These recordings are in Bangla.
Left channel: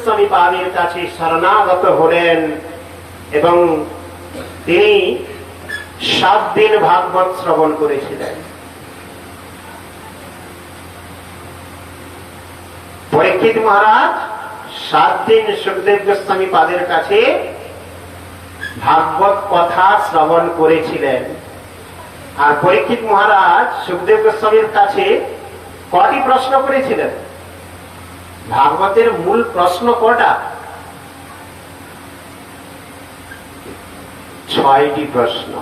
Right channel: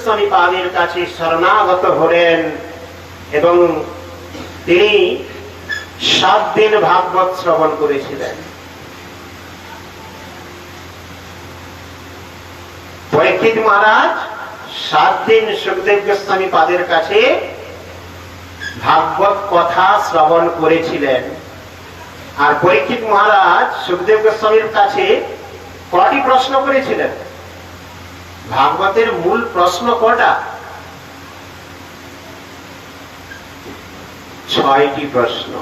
গোস্বামী পাদের কাছে শরণাগত হলেন এবং তিনি 7 দিন ভাগবত শ্রবণ করেছিলেন। পরীক্ষিত মহারাজ 7 দিন সুখদেব গোস্বামী পাদের কাছে ভাগবত কথা শ্রবণ করেছিলেন। আর পরীক্ষিত মহারাজ সুখদেব গোস্বামীর কাছে কটি প্রশ্ন করেছিলেন? ভাগবতের মূল প্রশ্ন কটা? 6টি প্রশ্ন।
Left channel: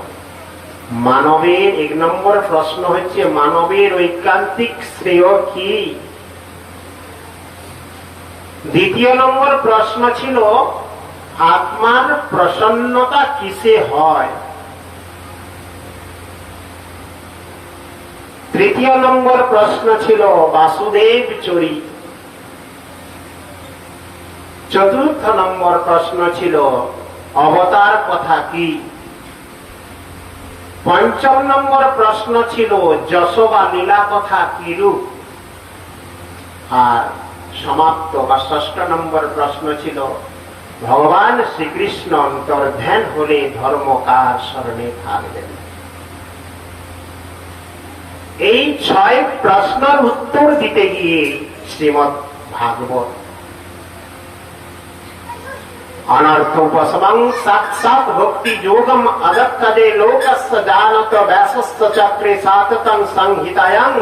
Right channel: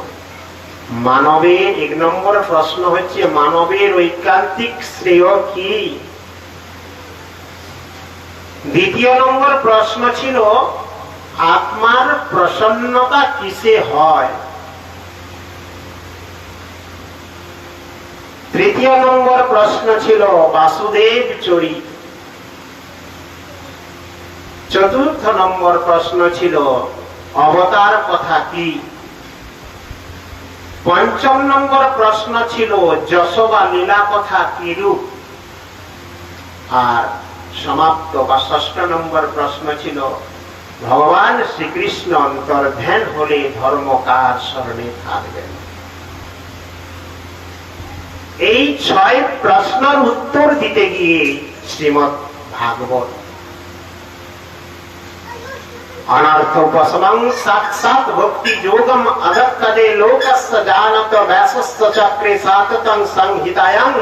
মানবের 1 নম্বর প্রশ্ন হচ্ছে মানবের ঐকান্তিক শ্রেয় কি। 2য় নম্বর প্রশ্ন ছিল আত্মার প্রসন্নতা কিসে হয়। 3য় নম্বর প্রশ্ন ছিল বাসুদেব চরিত। 4র্থ নম্বর প্রশ্ন ছিল অবতার কথা কি। 5ম নম্বর প্রশ্ন ছিল যশোবা লীলা কথা কিরূপ। আর সমাপ্ত বা 6ষ্ঠ নম্বর প্রশ্ন ছিল ভগবান শ্রীকৃষ্ণ অন্তর্ধান হলে ধর্ম কার শরণে থাকবেন। এই 6 প্রশ্নের উত্তর দিতে গিয়ে শ্রীমদ্ ভাগবত अनर्थ उपशमं साक्षात् भक्ति योगम अदत्तदे लोकस्य जानत व्यासस्य चक्रे साततं संहितायां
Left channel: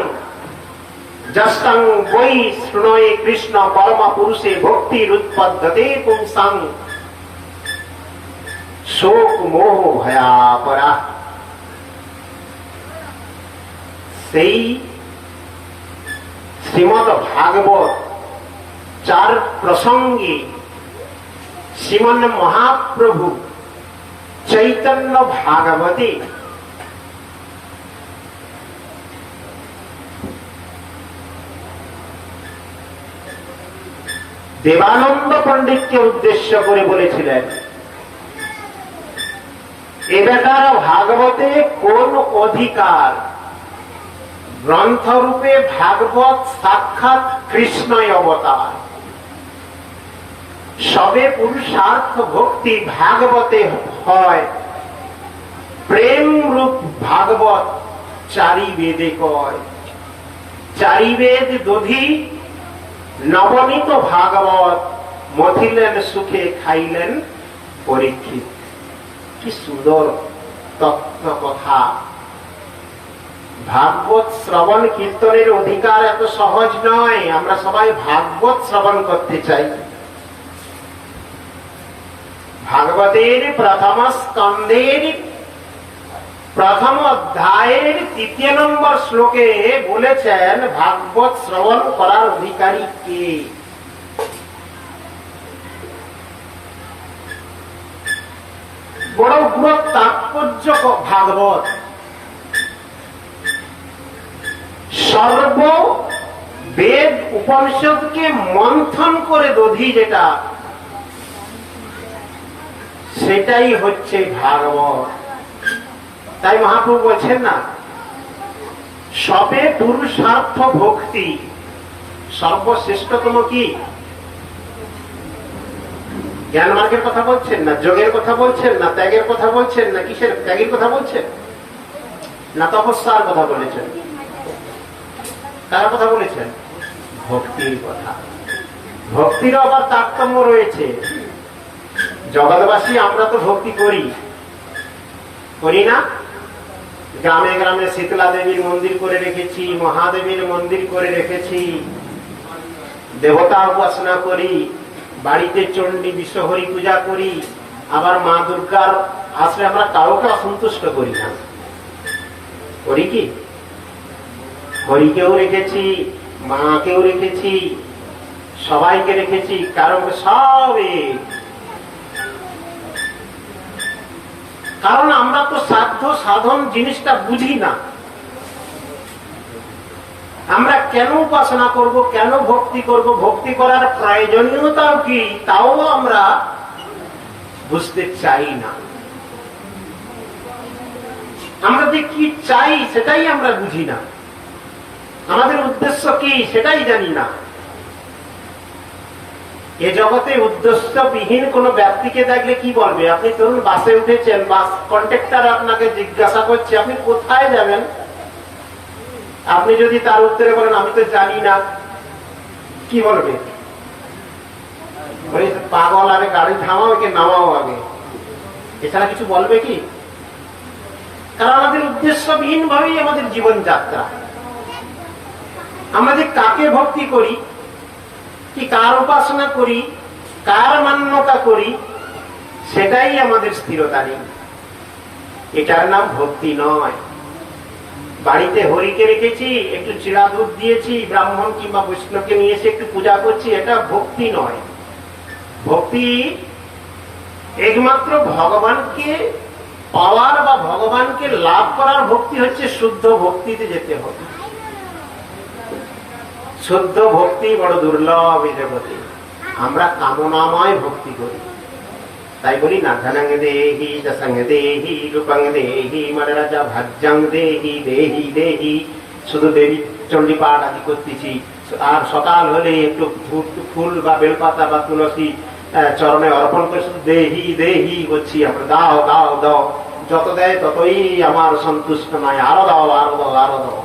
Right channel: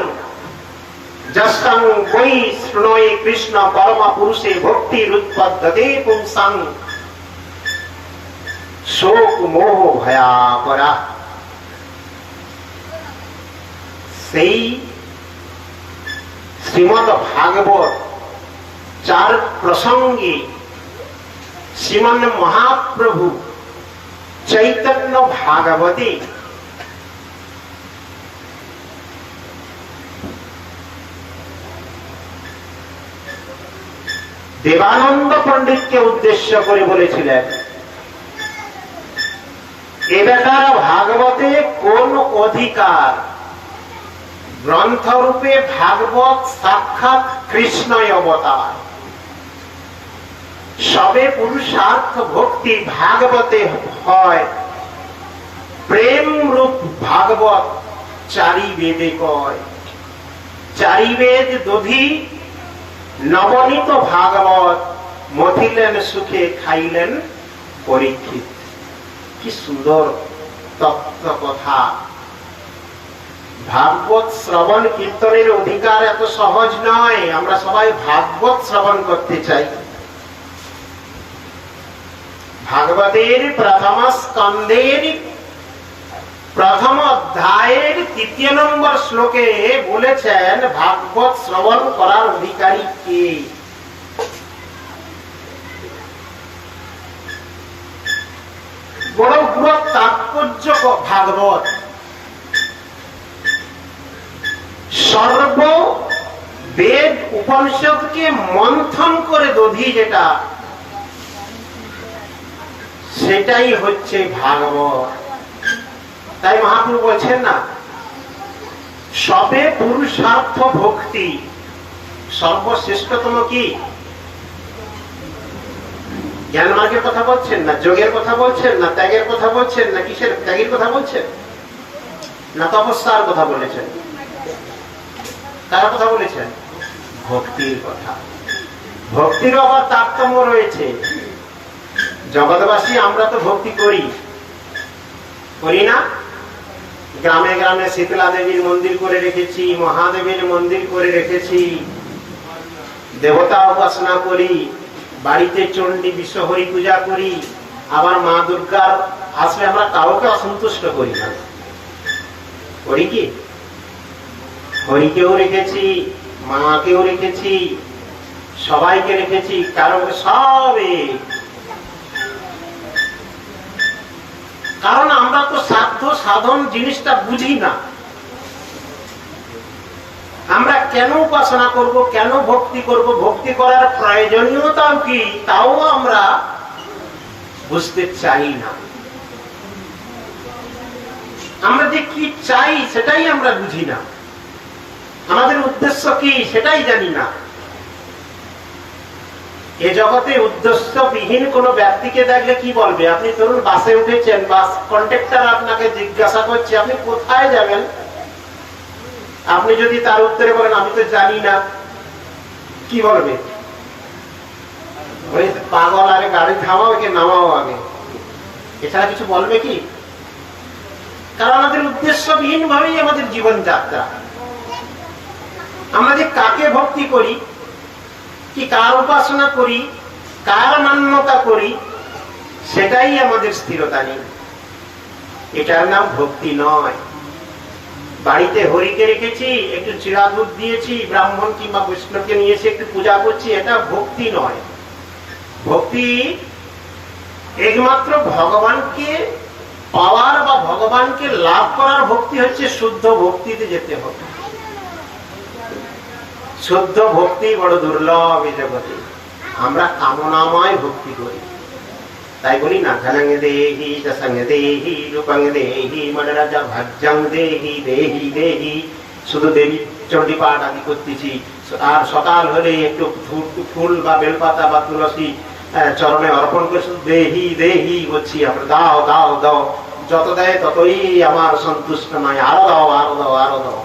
जस्तं वै शृणोये कृष्ण परम पुरुषे भक्तिरुत्पद्यते पुंसां शोक मोह भयापरा। সেই শ্রীমদ্ ভাগবত 4 প্রসঙ্গে শ্রীমান মহাপ্রভু চৈতন্য ভাগবতে দেবানন্দ পণ্ডিতকে উদ্দেশ্য করে বলেছিলেন, এ বেটার ভাগবতে কোন অধিকার? গ্রন্থরূপে ভাগবত সাক্ষাৎ কৃষ্ণই অবতার। সবে পুরুষার্থ ভক্তি ভাগবতে হয়, প্রেম রূপ ভাগবত 4 বেদে কয়। 4 বেদ দধি নবনীত ভাগবত মথিলেন সুখে খাইলেন পরীক্ষিত। কি সুন্দর তত্ত্ব কথা। ভাগবত শ্রবণ কীর্তনের অধিকার এত সহজ নয়। আমরা সবাই ভাগবত শ্রবণ করতে চাই। ভাগবতের প্রথম স্কন্ধের প্রথম অধ্যায়ের 3য় নম্বর শ্লোকে বলেছেন ভাগবত শ্রবণ করার অধিকারী কে। বড় বড় তাৎপর্য ভাগবত। সর্ব বেদ উপনিষদকে মন্থন করে দধি যেটা, সেটাই হচ্ছে ভাগবত। তাই মহাপ্রভু বলছেন না, সবে পুরুষার্থ ভক্তি সর্বশ্রেষ্ঠতম কি? জ্ঞান মার্গের কথা বলছেন না, যোগের কথা বলছেন না, ত্যাগের কথা বলছেন না, কিসের ত্যাগের কথা বলছেন না, তপস্যার কথা বলেছেন? কার কথা বলেছেন? ভক্তির কথা। ভক্তিরও আবার তারতম্য রয়েছে। জগৎবাসী আমরা তো ভক্তি করি, করি না? গ্রামে গ্রামে শীতলা দেবীর মন্দির করে রেখেছি, মহাদেবের মন্দির করে রেখেছি, দেবতা উপাসনা করি, বাড়িতে চণ্ডী বিশ্বহরি পূজা করি। আবার মা দুর্গার আসলে আমরা কাউকে অসন্তুষ্ট করি না, করি কি? হরিকেও রেখেছি, মাকেও রেখেছি, সবাইকে রেখেছি, কারণ সবে, কারণ আমরা তো সাধ্য সাধন জিনিসটা বুঝি না। আমরা কেন উপাসনা করব, কেন ভক্তি করব, ভক্তি করার প্রয়োজনীয়তা কি, তাও আমরা বুঝতে চাই না। আমরা যে কি চাই সেটাই আমরা বুঝি না, আমাদের উদ্দেশ্য কি সেটাই জানি না। এ জগতে উদ্দেশ্যবিহীন কোন ব্যক্তিকে দেখলে কি বলবে? আপনি ধরুন বাসে উঠেছেন, বাস কন্ডাক্টর আপনাকে জিজ্ঞাসা করছে আপনি কোথায় যাবেন, আপনি যদি তার উত্তরে বলেন আমি তো জানি না, কি বলবে? পাগল, আরে গাড়ি থামাও, একে নামাও আগে, এছাড়া কিছু বলবে কি? কারণ আমাদের উদ্দেশ্যবিহীন ভাবেই আমাদের জীবনযাত্রা। আমরা যে কাকে ভক্তি করি, কি কার উপাসনা করি, কার মান্যতা করি, সেটাই আমাদের স্থিরতা নেই। এটার নাম ভক্তি নয়। বাড়িতে হরিকে রেখেছি, একটু চিড়া দুধ দিয়েছি, ব্রাহ্মণ কিংবা বৈষ্ণবকে নিয়ে এসে একটু পূজা করছি, এটা ভক্তি নয়। ভক্তি একমাত্র ভগবানকে পাওয়ার বা ভগবানকে লাভ করার ভক্তি হচ্ছে শুদ্ধ ভক্তিতে যেতে হবে। শুদ্ধ ভক্তি বড় দুর্লভ এই জগতে। আমরা কামনাময় ভক্তি করি, তাই বলি না, ধনং দেহি যশং দেহি রূপং দেহি মনরাজা ভাজ্যং দেহি দেহি দেহি। শুধু দেবী চণ্ডী পাঠ আদি করতেছি, আর সকাল হলে একটু ফুল বা বেলপাতা বা তুলসী চরণে অর্পণ করে শুধু দেহি দেহি করছি আমরা, দাও দাও দাও, যত দেয় ততই আমার সন্তুষ্ট নয়, আরো দাও আরো দাও আরো দাও।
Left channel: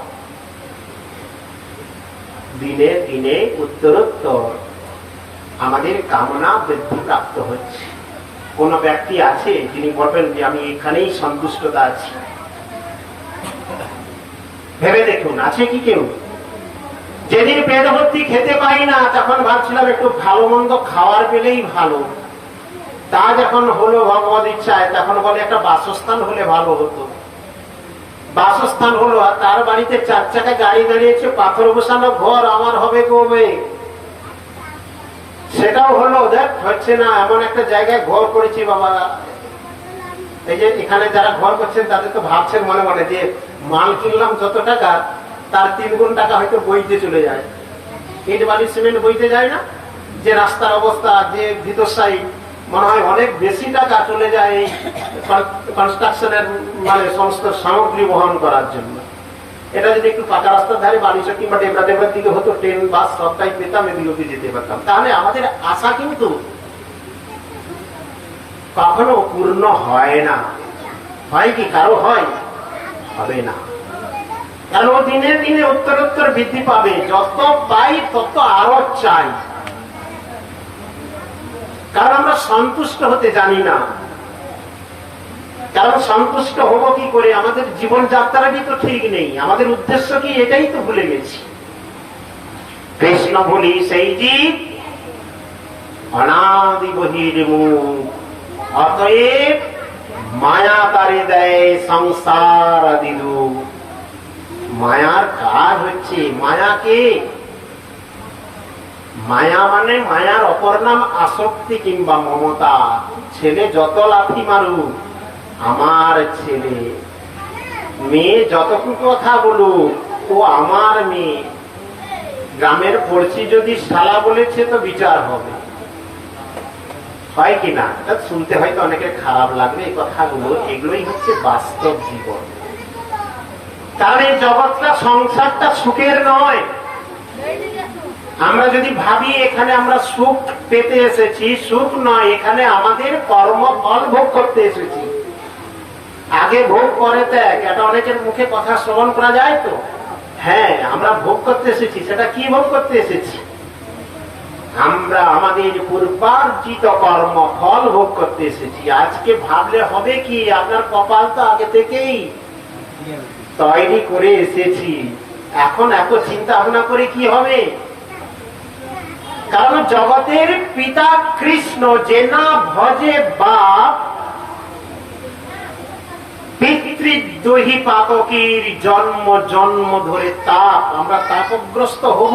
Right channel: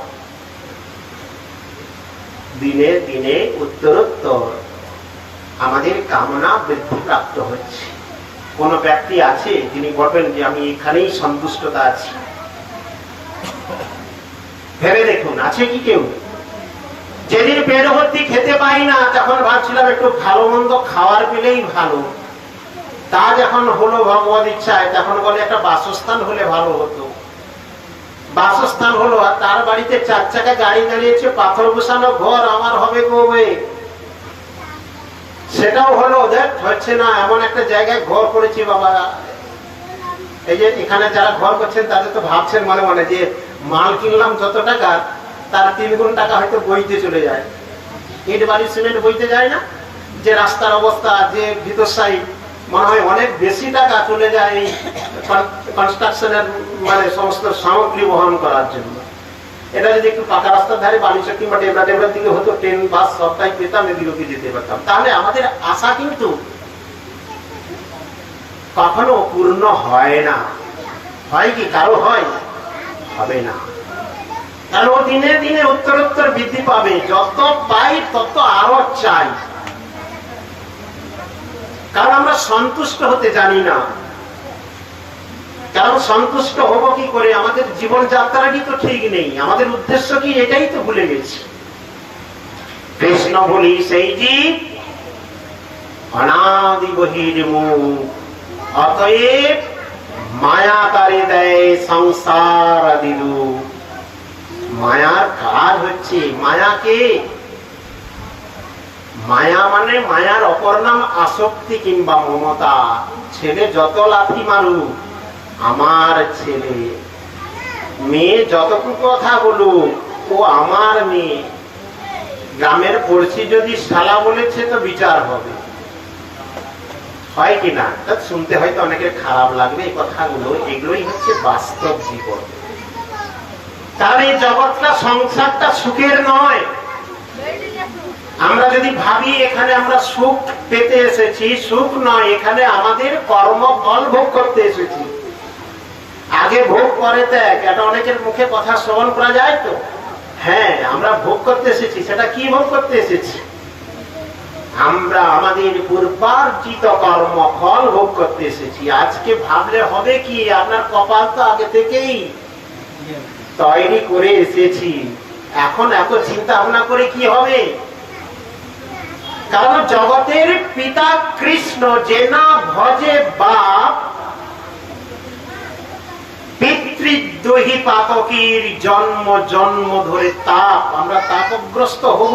দিনে দিনে উত্তরোত্তর আমাদের কামনা বৃদ্ধি প্রাপ্ত হচ্ছে। কোন ব্যক্তি আছে যিনি বলবেন যে আমি এখানেই সন্তুষ্টতা আছি? ভেবে দেখুন, আছে কি কেউ? যেদিন পেট ভর্তি খেতে পাই না, তখন ভাবছিলাম একটু ভালো মন্দ খাওয়ার পেলেই ভালো। তা যখন হলো ভগবত ইচ্ছায়, তখন বলে একটা বাসস্থান হলে ভালো হতো। বাসস্থান হলো, আর তার বাড়িতে 4 চাকা গাড়ি দাঁড়িয়েছে, পাথর বসানো ঘর, আমার হবে কবে? সেটাও হলো, দেখ হচ্ছে না। এমন একটা জায়গায় ঘর করেছি বাবা, এই যে এখানে যারা ঘর করছেন তাদের তো ভাবছেন মনে মনে যে মাল কিনলাম যত টাকা, তার 3 গুণ টাকা হয়তো বইতে চলে যায়। ইট বালি সিমেন্ট বইতে যায় না, যে রাস্তার অবস্থা, যে ভিতরসাই, মনে হয় অনেক বেশি টাকা চলে যায় এই কনস্ট্রাকশনের মানে সমস্ত সামগ্রী বহন করার জন্য। এটা যদি একটু পাকা রাস্তার ধারে বালিচক কিংবা ডেবরা ডেবরার দিকে হতো, ট্রেন বাস সবটাই পেতাম, এদিকে যেতে পারতাম, তাহলে আমাদের আশা কিন্তু কখনো পূর্ণ হয় না। হয় কি কারো? হয়? হবে না। কারণ দিনে দিনে উত্তরোত্তর বৃদ্ধি পাবে, যত পাই তত আরো চাই। কারণ আমরা সন্তুষ্ট হতে জানি না। কারণ সন্তুষ্ট হবো কি করে? আমাদের জীবন যাত্রাটি তো ঠিক নেই, আমাদের উদ্দেশ্য কি এটাই তো ভুলে গেছি। কৃষ্ণ বলি সেই জীব অনাদি বহির্মুখ, অতএব মায়া তারে দেয় সংসার আদি রূপ। মায়ার কাজ হচ্ছে, মায়াকে, মায়া মানে মায়ার অপর নাম আসক্তি কিংবা মমতা। ছেলে যত লাথি মারুক আমার ছেলে, মেয়ে যতটুকু কথা বলুক ও আমার মেয়ে, গ্রামের পড়শি যদি শালা বলেছে তো বিচার হবে, হয় কিনা? শুনতে হয়তো অনেকের খারাপ লাগবে এই কথাগুলো, এগুলোই হচ্ছে বাস্তব জীবন। কারণ এই জগৎটা, সংসারটা সুখের নয়। আমরা যদি ভাবি এখানে আমরা সুখ পেতে এসেছি, সুখ নয়, এখানে আমাদের কর্মফল ভোগ করতে এসেছি। আগে ভোগ পরে ত্যাগ, এটা অনেকের মুখে কথা শ্রবণ করা যায় তো। হ্যাঁ, আমরা ভোগ করতে এসেছি, সেটা কি ভোগ করতে এসেছি? আমরা আমাদের পূর্বার্জিত কর্মফল ভোগ করতে এসেছি। আজকে ভাবলে হবে কি, আপনার কপাল তো আগে থেকেই তৈরি করে এসেছি, এখন এত চিন্তা ভাবনা করে কি হবে? কারণ জগতের পিতা কৃষ্ণ, যে না ভজে বাপ, পিতৃদ্রোহী পাতকীর জন্ম জন্ম ধরে তাপ। আমরা তাপগ্রস্ত হব,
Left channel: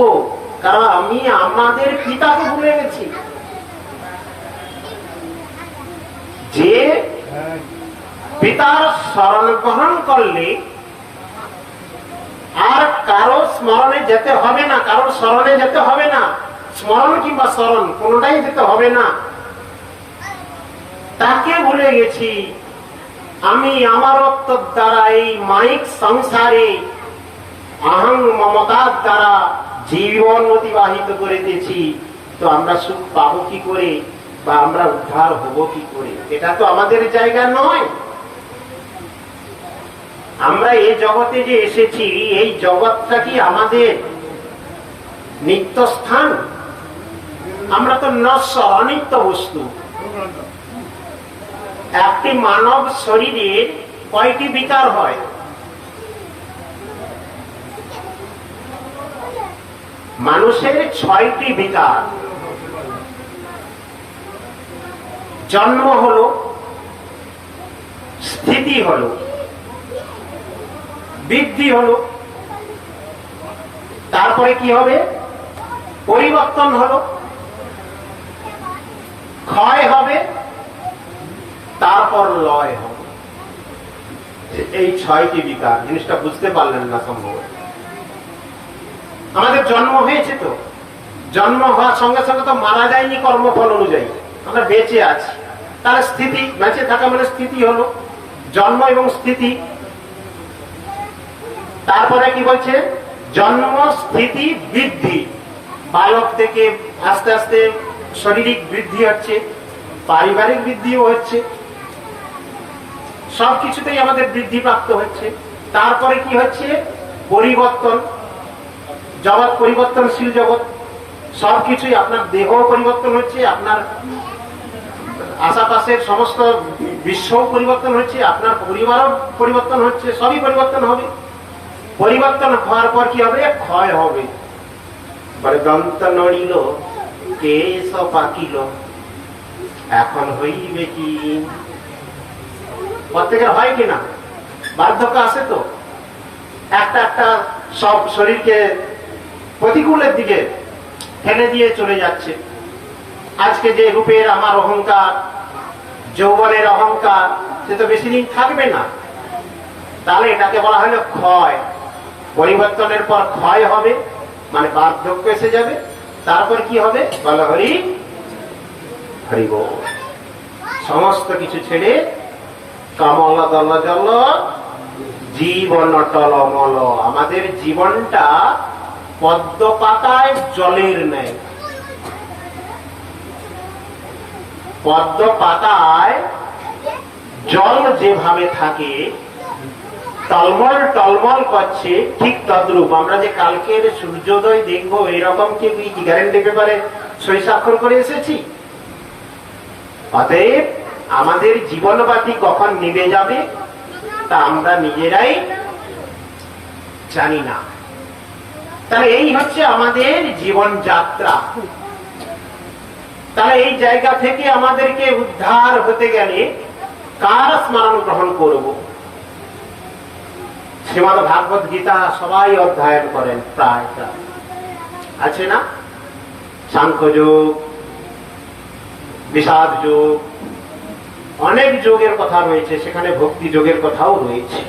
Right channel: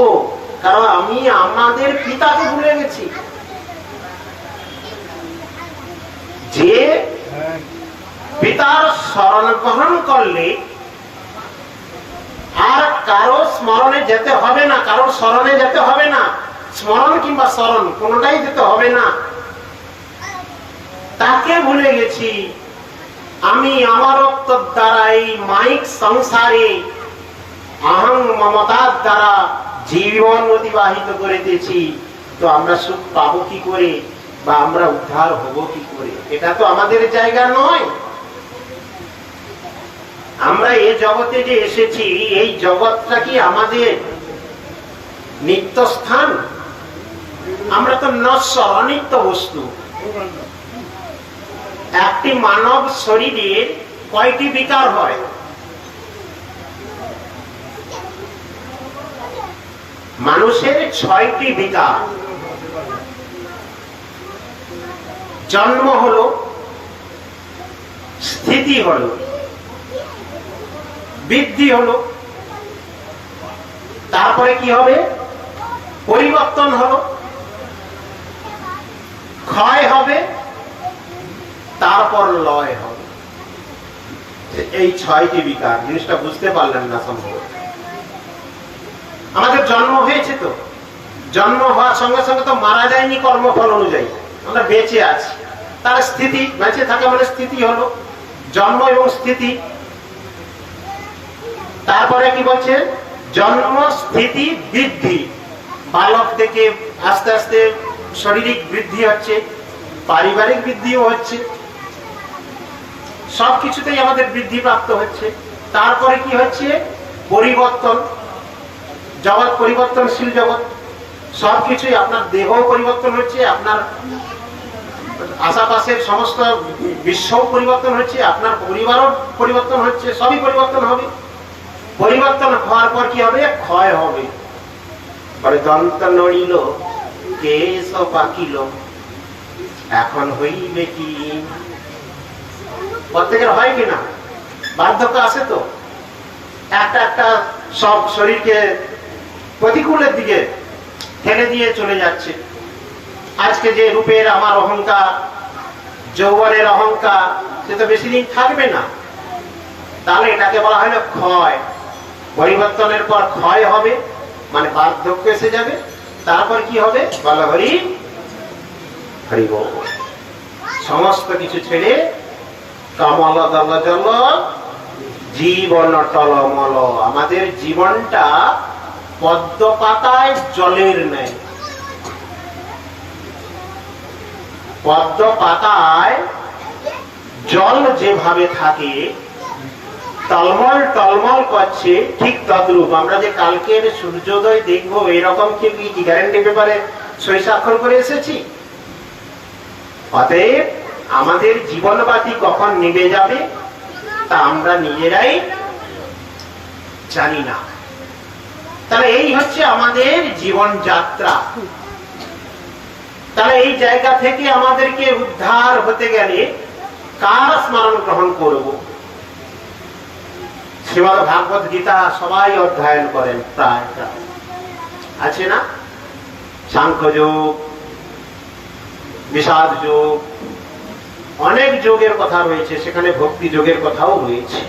কারণ আমি আমাদের পিতাকে ভুলে গেছি। যে পিতার শরণ গ্রহণ করলে আর কারো স্মরণে যেতে হবে না, কারোর স্মরণে যেতে হবে না, স্মরণ কিংবা স্মরণ কোনটাই যেতে হবে না, তাকে ভুলে গেছি। আমি আমারত্ব দ্বারা এই মাইক সংসারে আহং মমতার দ্বারা জীবন অতিবাহিত করে দিয়েছি। তো আমরা সুখ পাবো কি করে বা আমরা উদ্ধার হব কি করে? এটা তো আমাদের জায়গা নয়। আমরা এই জগতে যে এসেছি, এই জগৎটা কি আমাদের নিত্য স্থান? আমরা তো নশ্বর, অনিত্য বস্তু। একটি মানব শরীরের কয়টি বিকার হয়? মানুষের 6টি বিকার। জন্ম হলো, স্থিতি হলো, বৃদ্ধি হলো, তারপরে কি হবে? পরিবর্তন হলো, ক্ষয় হবে, তারপর লয় হবে। এই 6টি বিকার। জিনিসটা বুঝতে পারলেন না সম্ভবত। আমাদের জন্ম হয়েছে, তো জন্ম হওয়ার সঙ্গে সঙ্গে তো মারা যায়নি কর্মফল অনুযায়ী, আমরা বেঁচে আছি। তাহলে স্থিতি, বেঁচে থাকা মানে স্থিতি হলো, জন্ম এবং স্থিতি। তারপরে কি বলছে? জন্ম, স্থিতি, বৃদ্ধি। বালক থেকে আস্তে আস্তে শারীরিক বৃদ্ধি হচ্ছে, পারিবারিক বৃদ্ধিও হচ্ছে, সবকিছুতেই আমাদের বৃদ্ধি প্রাপ্ত হচ্ছে। তারপরে কি হচ্ছে? পরিবর্তন। জগৎ পরিবর্তনশীল জগৎ, সবকিছুই, আপনার দেহ পরিবর্তন হচ্ছে, আপনার আশেপাশের সমস্ত বিশ্ব পরিবর্তন হচ্ছে, আপনার পরিবারও পরিবর্তন হচ্ছে, সবই পরিবর্তন হবে। পরিবর্তন হওয়ার পর কি হবে? ক্ষয় হবে। দন্ত নড়িল, কেশ পাকিল, এখন হইবে কি? প্রত্যেকের হয় কিনা? বার্ধক্য আসে তো, একটা একটা সব শরীরকে প্রতিকূলের দিকে ঠেলে দিয়ে চলে যাচ্ছে। আজকে যে রূপের আমার অহংকার, যৌবনের অহংকার, সে তো বেশি দিন থাকবে না। তাহলে এটাকে বলা হলো ক্ষয়। পরিবর্তনের পর ক্ষয় হবে, মানে বার্ধক্য এসে যাবে। তারপর কি হবে? বলা হরি হরি বল। সমস্ত কিছু ছেড়ে কমল দল জল জীবন টলমল। আমাদের জীবনটা পদ্ম পাতায় জলের ন্যায়। পদ্ম পাতায় জল যেভাবে থাকে, টলমল টলমল করছে, ঠিক তদ্রূপ আমরা যে কালকের সূর্যোদয় দেখবো, এরকম কি গ্যারান্টি পেপারে সই স্বাক্ষর করে এসেছি? অতএব আমাদের জীবনবাতি কখন নিভে যাবে তা আমরা নিজেরাই জানি না। তাহলে এই হচ্ছে আমাদের জীবন যাত্রা। তাহলে এই জায়গা থেকে আমাদেরকে উদ্ধার হতে গেলে কার স্মরণ গ্রহণ করব? শ্রীমদ্ ভাগবত গীতা সবাই অধ্যয়ন করেন প্রায়, আছে না? সাংখ্য যোগ, বিষাদ যোগ, অনেক যোগের কথা রয়েছে, সেখানে ভক্তি যোগের কথাও রয়েছে।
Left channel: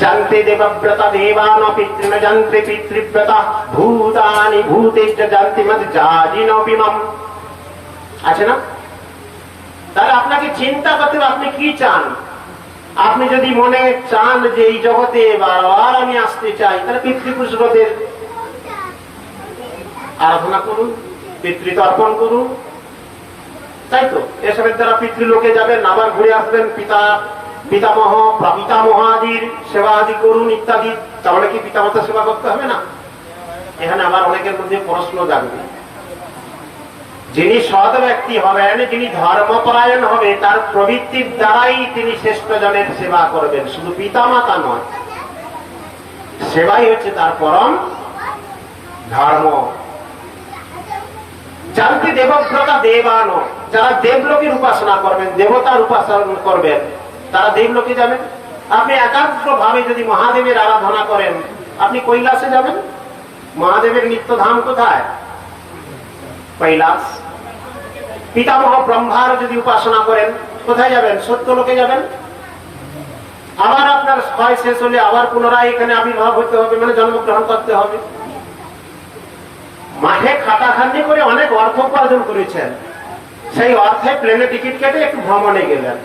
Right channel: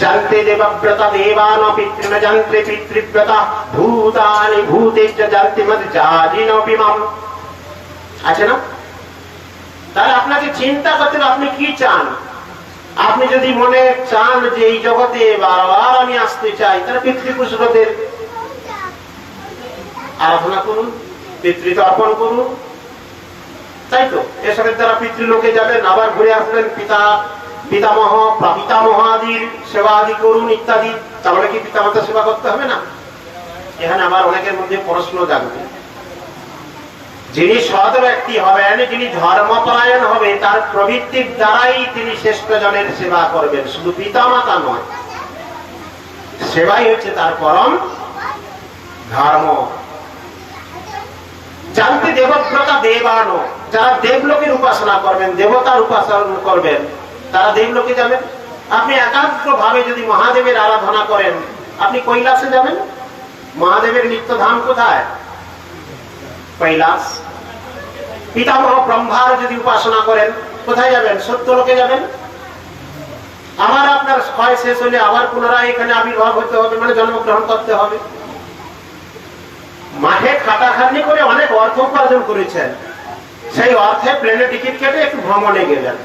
জানতে দেবব্রতা দেবান পিতৃন যন্ত্রে পিতৃব্রতা ভূতানি ভূতে জানতে মত জাজিনপি মাম, আছে না? তাহলে আপনাকে চিন্তা করতে হবে, আপনি কি চান। আপনি যদি মনে চান যে এই জগতে বারবার আমি আসতে চাই, তাহলে পিতৃপুরুষদের আরাধনা করুন, পিতৃতর্পণ করুন, তাই তো? এসবের দ্বারা পিতৃলোকে যাবেন, আবার ঘুরে আসবেন, পিতামহ প্রপিতামহাদির সেবা আদি করুন ইত্যাদি। তাহলে কি পিতামাতার সেবা করতে হবে না? এখানে আবার অনেকের মধ্যে প্রশ্ন জাগবে। যিনি সৎ ব্যক্তি হবেন, যিনি ধর্মপরায়ণ হবে, তার প্রবৃত্তির দ্বারাই তিনি শ্রেষ্ঠ জনের সেবা করবেন, শুধু পিতামাতা নয়। সেবাই হচ্ছে তার পরম ধর্ম। জানতে দেবব্রতা দেবানো, যারা দেবলোকের উপাসনা করবেন, দেবতার উপাসনা করবেন, তারা দেবলোকে যাবেন। আপনি একাগ্র ভাবে যদি মহাদেবের আরাধনা করেন, আপনি কৈলাসে যাবেন। মহাদেবের নিত্যধাম কোথায়? কৈলাস। পিতামহ ব্রহ্মার যদি উপাসনা করেন, কোথায় যাবেন? সত্যলোকে যাবেন। আবার আপনার ক্ষয় শেষ হলে আবার পুনরায় এখানে আবির্ভাব হতে হবে, মানে জন্মগ্রহণ করতে হবে। মাঠে খাটাখাটনি করে অনেক অর্থ উপার্জন করেছেন, সেই অর্থে প্লেনে টিকিট কেটে একটু ভ্রমণে গেলেন।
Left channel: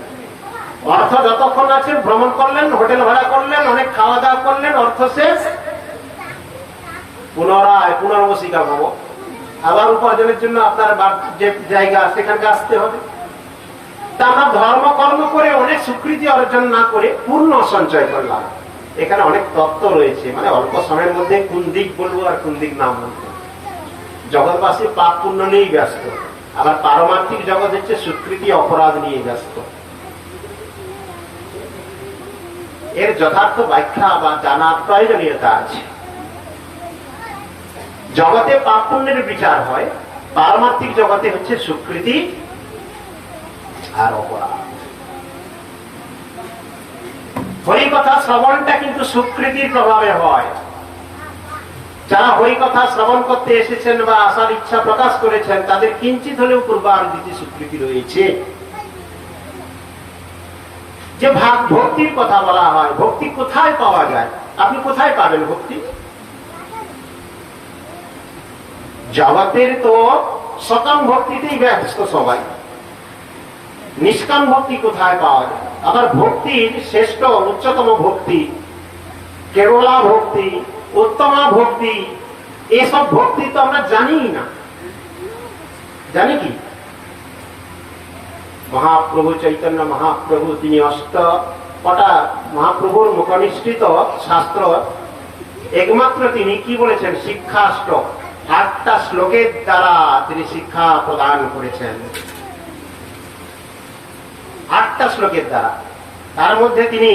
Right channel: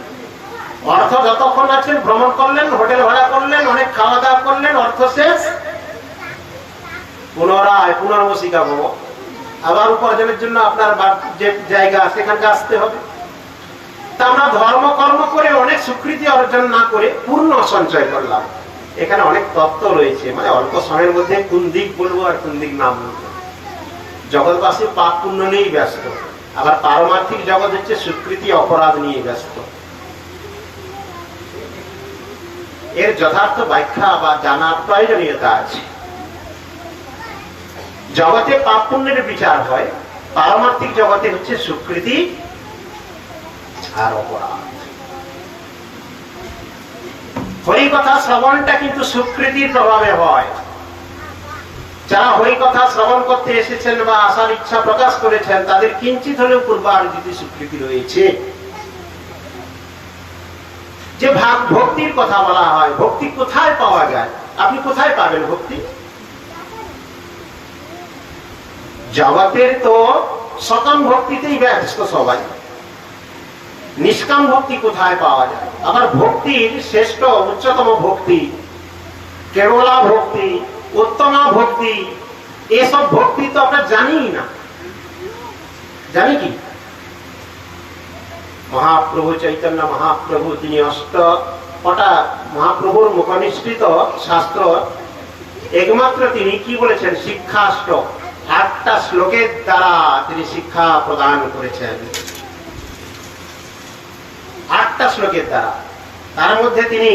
অর্থ যতক্ষণ আছেন ভ্রমণ করলেন, হোটেল ভাড়া করলেন, অনেক খাওয়া দাওয়া করলেন, অর্থ শেষ, পুনরায় পুনর্বসিকা ভব। আবার উপার্জনের জন্য আপনার যে জায়গা সেখানকে আসতে হবে। তা আমরা ধর্ম কর্ম করে অনেক স্বীকৃতি অর্জন না করে পূর্ণ সঞ্চয় করলাম। এখানে অনেক তত্ত্ব রয়েছে, মানে অল্প সময়ের মধ্যে কোন দিক বলবো আর কোন দিক না বলবো। জগৎবাসী পাপ পুণ্য নিয়েই ব্যস্ত, আবার পারমার্থিক জগৎ হচ্ছে স্বীকৃতি অপরাধ নিয়ে ব্যস্ত। এর যথার্থ ব্যাখ্যা বা জানার প্রয়োজনীয়তা আছে। জগতে পাপ পুণ্যের বিচার হয়, পারমার্থিক জগতে হচ্ছে স্বীকৃতি আর অপরাধ। হরিকথা শ্রবণটা কিন্তু স্বীকৃতির প্রভাবে হয়। যারা হরিকথা শ্রবণ করতে এসেছেন বা আসার ইচ্ছা প্রকাশ করেছেন, তাদের কিঞ্চিত হলেও পূর্বার্জিত স্বীকৃতি রয়েছে। যে ভক্তির কথা বলা হয়, ভক্তি কোথায় পাওয়া যায়? আপনি কোথায় পাবেন ভক্তি? জগতের তো সকাম ভক্তিতেই ব্যস্ত সবাই, নিষ্কাম ভক্তি কোথায় পাওয়া যায়? আবার ভক্তির শ্রেষ্ঠ উচ্চতম ভক্তি, কেবলা ভক্তি, উত্তমা ভক্তি, এসব ভক্তি তো আমরা জানি না। জানি কি? মহাপ্রভু চৈতন্য মহাপ্রভু তিনি অষ্টটা মহাপ্রভুর মুখনিষ্ঠিত শাস্ত্র একমাত্র তিনি কি বলেছেন? শিক্ষাষ্টক, 8টা শ্লোকের দ্বারা তিনি শিক্ষা প্রদান করেছেন। 8টা শ্লোকের দ্বারা। তার মধ্যে তিনি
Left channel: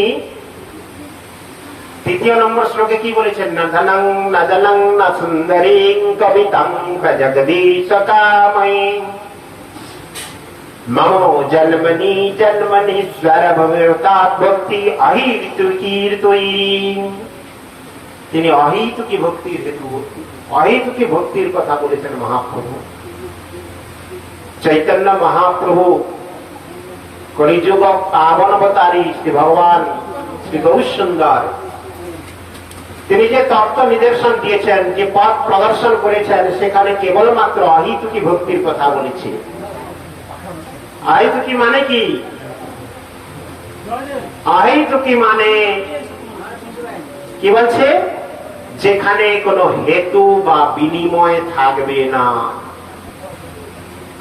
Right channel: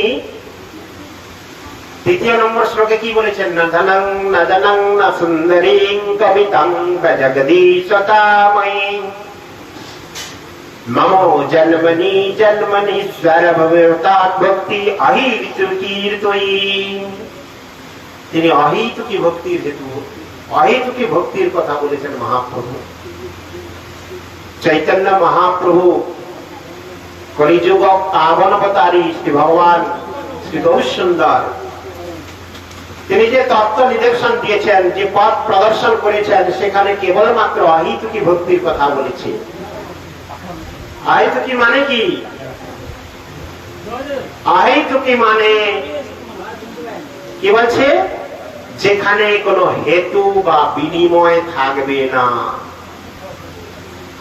3য় নম্বর শ্লোকে কি বলেছেন? নধনং নদনং ন সুন্দরীং কবিতাং প্রজগদীশ কাময়ী মম জন্মনি জন্মনি স্বরভবতাৎ ভক্তি অহেতুকীর্তয়ী। তিনি অহেতুকী ভক্তির হেতু, অহেতুকী ভক্তির কথা বলেছেন মহাপ্রভু। চৈতন্য মহাপ্রভু কলিযুগ পাবন অবতারী শ্রী ভগবান শ্রী গৌরসুন্দর, তিনি যে তত্ত্ব নিদর্শন দিয়েছেন, যে পথ প্রদর্শন করেছেন, সেখানে কেবলমাত্র অহেতুকী ভক্তির কথা বলেছে। অহেতুকী মানে কি? অহেতুকী মানে কি বলছে? যেখানে কোনো হেতু বা বিনিময় থাকবে না।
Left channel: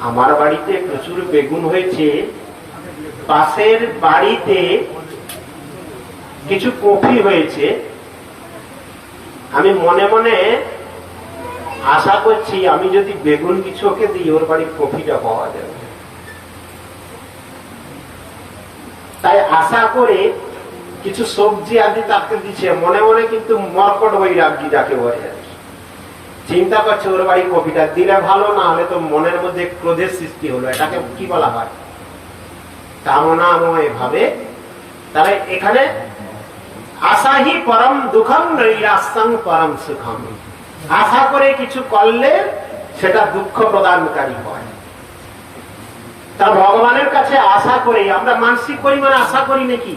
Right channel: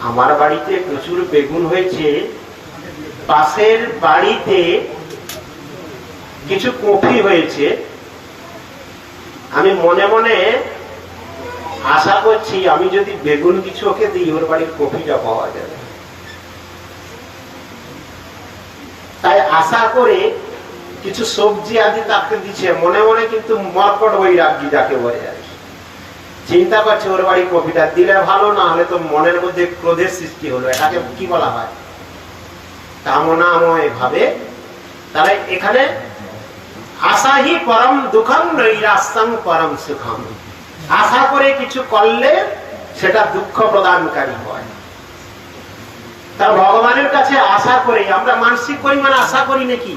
আমার বাড়িতে প্রচুর বেগুন হয়েছে, পাশের বাড়িতে কিছু কফি হয়েছে, আমি মনে মনে আশা করছি আমি যদি বেগুন কিছু ওকে দিই, ওর বাড়ির কফিটা পাওয়া যাবে। তাই আশা করে কিছু সবজি আদি তাকে দিচ্ছে, মনে মনে কিন্তু মরকট বৈরাগ্য যাকে বলে আর কি। চিন্তা করছে ওর বাড়ি কফিটা দিলে ভালো, না হলে তো মনের মধ্যে ক্রোধের সৃষ্টি হলো। এটাকে কি বলা হয়? কামনাময় ভাবে। তাহলে এখানে আশাহি পরম দুঃখম নৈরাশ্যং পরম সুখম। আশা করে কিছু করলে সেটা দুঃখ প্রদানকারী হয়। তা ভগবানের কাছে আশা করে আমরা মানসিক পরিমাণে আশা করি নাকি?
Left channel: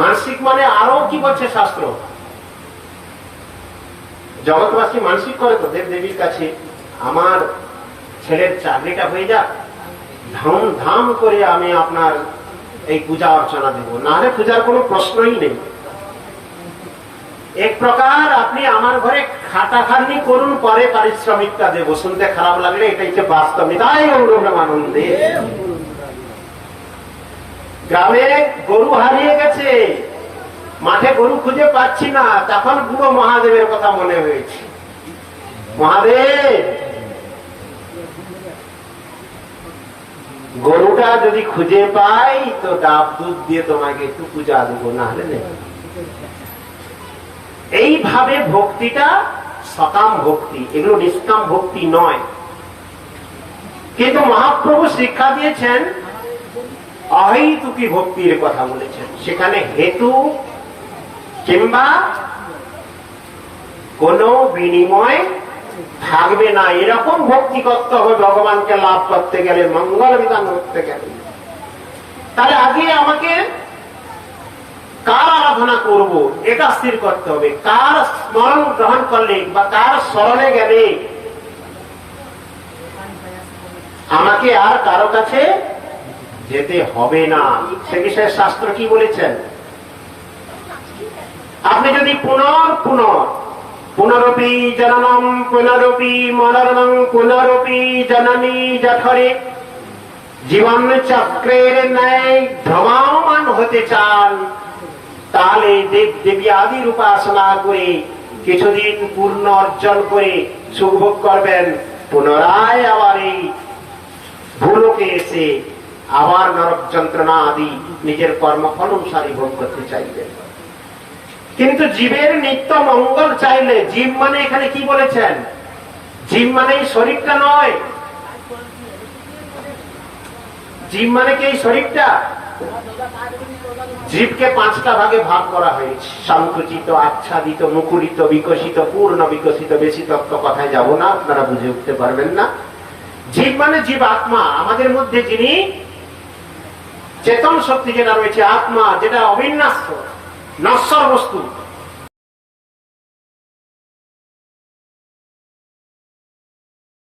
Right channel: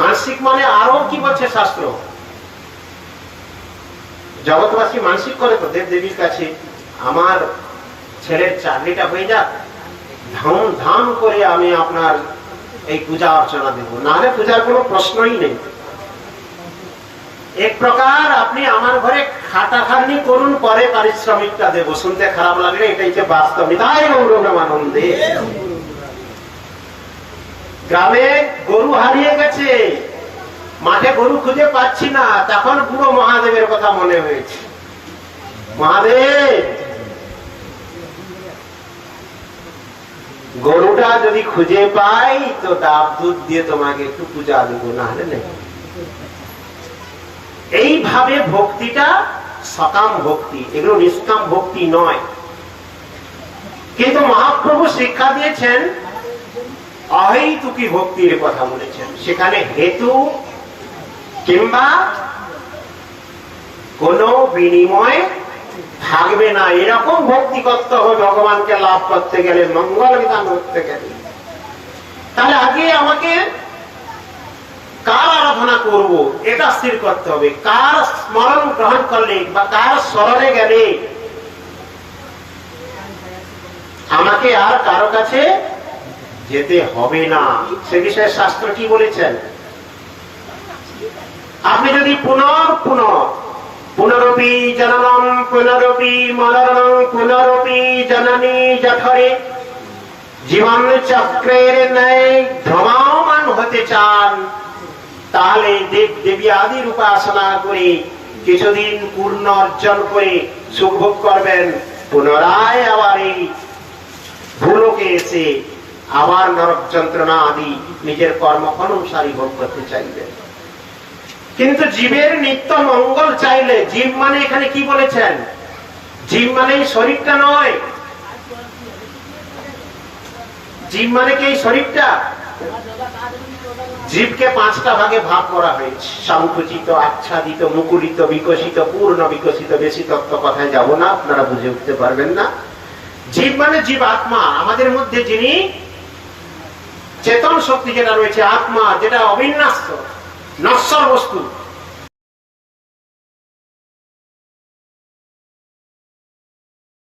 মানসিক মানে আরো কি বলছে শাস্ত্র? জগৎবাসী মানসিক করে তো দেব দেবীর কাছে, আমার ছেলের চাকরিটা হয়ে যাক, ধাম করে আমি আপনার এই পূজা অর্চনা দেব, না হলে পূজার কোনো প্রশ্নই নেই। এক প্রকার আপনি আমার ঘরে খাটাখাটনি করুন, পরে পারিশ্রমিকটা দেব। শুনতে খারাপ লাগলে এটাই হচ্ছে বাস্তব। তাই আনন্দে গ্রামে গরু হারিয়ে গেছে, মাঠে গরু খুঁজে পাচ্ছি না, তখন বুড়ো মহাদেবের কথা মনে হয়েছে। মহাদেব, গরুটা যদি খুঁজে পাই তো ডাব দুধ দিয়ে তোমাকে একটু পূজা দেব, না হলে নেই। এইভাবে ভক্তিটা সকাম ভক্তি, এগুলো নিষ্কাম ভক্তি নয়। কিন্তু মহাপ্রভু শিক্ষা দিয়েছেন অহেতুকী ভক্তির কথা বলেছেন। সেখানে হেতু কিংবা কোনো বিনিময় থাকবে না। এরকম ভক্তি করতে হবে ভগবানকে লাভ করতে গেলে, মঙ্গল বিধান করতে গেলে। তাহলে আগে আমাকে কার আরাধনা করব এটা স্থির করতে হবে। কার স্মরণ গ্রহণ করলে বা কার স্মরণে গেলে আমাকে আর কারো কাছে যেতে হবে না, সে বিষয়ে শাস্ত্র কি বলেছেন? আপনি যদি পুনর পুনরপি জননম পুনরপি মরণং পুনরপি জননী জঠরে জীবন চক্রের ন্যায় ভ্রমমান হতে চান, তাহলে দেব দেবী আদির উপাসনা করে কিছুদিন পূর্ণ অর্জন করে সুখভোগ করবেন, পুনরায় আবার এই ভূলোকে এসে আবার নরক যন্ত্রণা আদি নিজের কর্ম অনুসারী ভোগ করতে চাইবেন। কিন্তু জীবের নিত্য মঙ্গল চাইলে, জীব মানে এখানে কি বলেছেন? জীব মানে শরীরটা নয়, জীব মানে কি এই শরীরটা? জীবকে পাঁচটা ভাগে ভাগ করা হয়েছে, সংকুচিত, আচ্ছাদিত, মুকুলিত, বিকশিত, পূর্ণ বিকশিত। বেশি তত্ত্ব কথায় যাব না, আপনারা বুঝে উঠতে পারবেন না। জীব মানে জীব আত্মা, আমাদের মধ্যে যিনি চেতন শক্তি যেটা রয়েছে, আত্মা যেটা অবিন্যাস্ত নশ্বর বস্তু,